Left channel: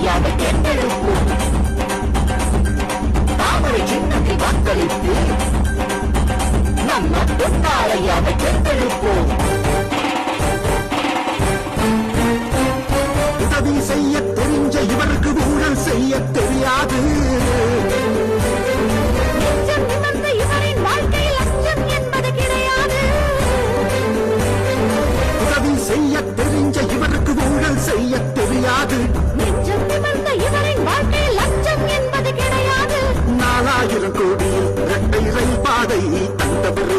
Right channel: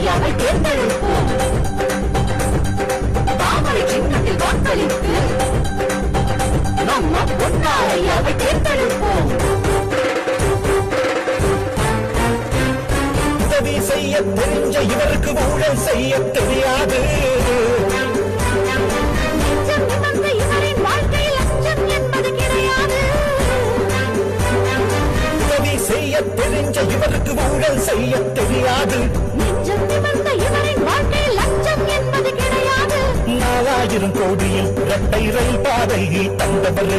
பொன்னாலையாவை தேர்ந்தெடுப்போம். தாமரை சின்னத்தில் வாக்களித்து நம்ம பொன்னாலையாவை தேர்ந்தெடுப்போம். உதவி செய்ய தெரிஞ்ச இவருக்கு ஊழல் செய்ய தெரியாது. நெஞ்சம் நிமிர்ந்த இவரின் வாழ்க்கையில் லஞ்சம் என்பது கிடையாது. உதவி செய்ய தெரிஞ்ச இவருக்கு ஊழல் செய்ய தெரியாது. நெஞ்சம் நிமிர்ந்த இவரின் வாழ்க்கையில் லஞ்சம் என்பது கிடையாது. 4000 கோடி இரட்டை ரயில் பாதை தந்தவர்